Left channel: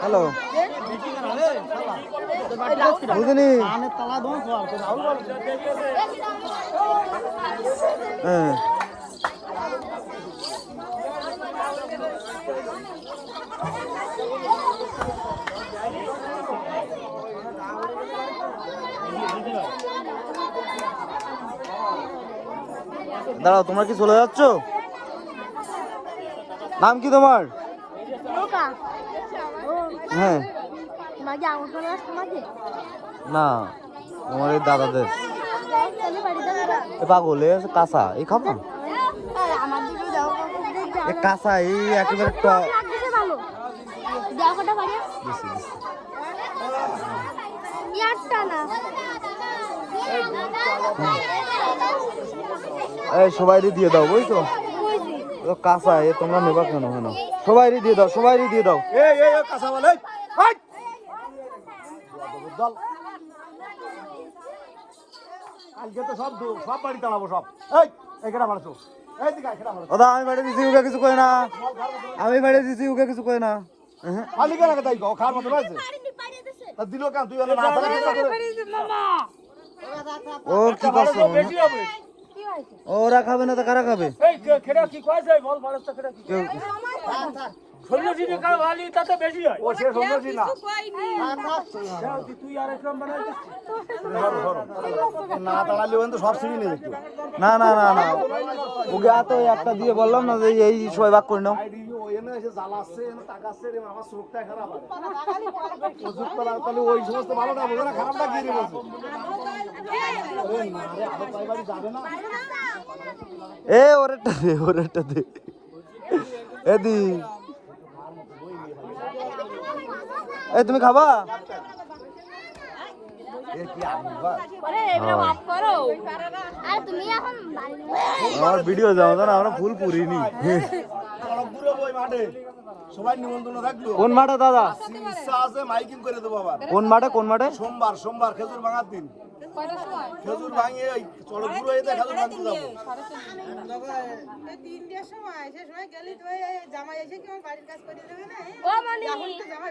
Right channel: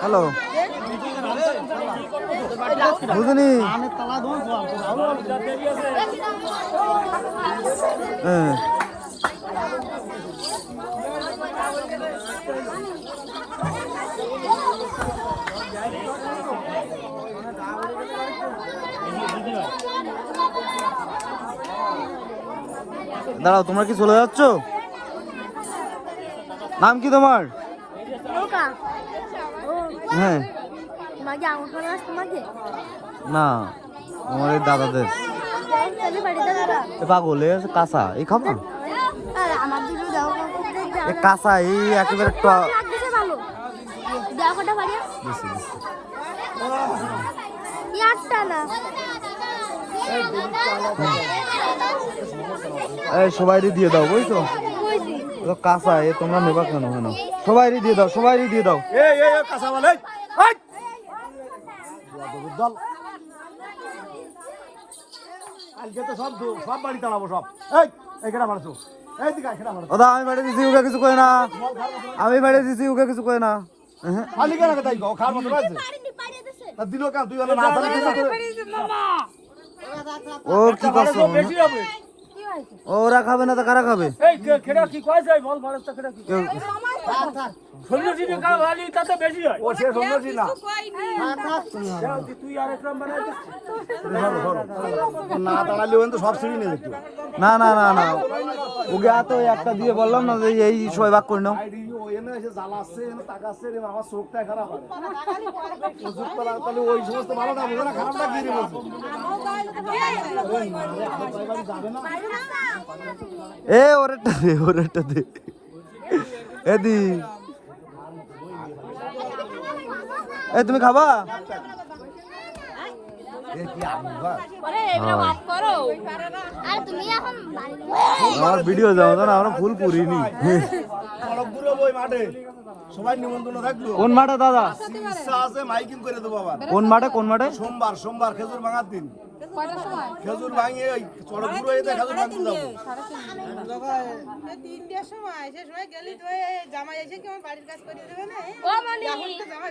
Hello বুঝলি দাঁড়াও, তোমরা কি চলে যাচ্ছ? নাম কি তোমার? হ্যাঁ না, আমাদের দাদাদের পাগল কাঁচা এই খাবা কাঁচা এই একেবারে সবাই দিয়ে দাও বুঝছো, কাঁচা এ তোমরা নেবা কেন? সবাই দিয়ে দাও, সবাই দিয়ে দাও। আমি বাড়ি দিছি ওকে কিছু কয় না, আমি বাড়ি দিছি ওকে কিছু কয় না। ও কি করছো? ওরা খাবে না তো কারা খাবে? না না না না, ওকে তো একটা দিয়ে বললাম না যে এই সবাই ভাগ করে নাও। ওই সমস্ত ভালো না বোঝে না, খারাপটা কি এ ওরেটা দে, ওরেটা দে এদি। এ তুমি খাবা? আমার ভিডিও যাও না, আমরা ফুল পুরিনি। কোন মাঠে দাদা? কোন মাঠে? কোন মাঠে? সোমবার খেজুর ভাঙার দিন। খেজুর ভাঙিয়ে ওই চড়ক ঘুরে যেতে খেজুর ভাঙতে যাবো। 3টের সময় সে সময় গেলি তো জামাই এসে কি আমার বাড়ির কাজ করে দেবে না? এখন তো জামাই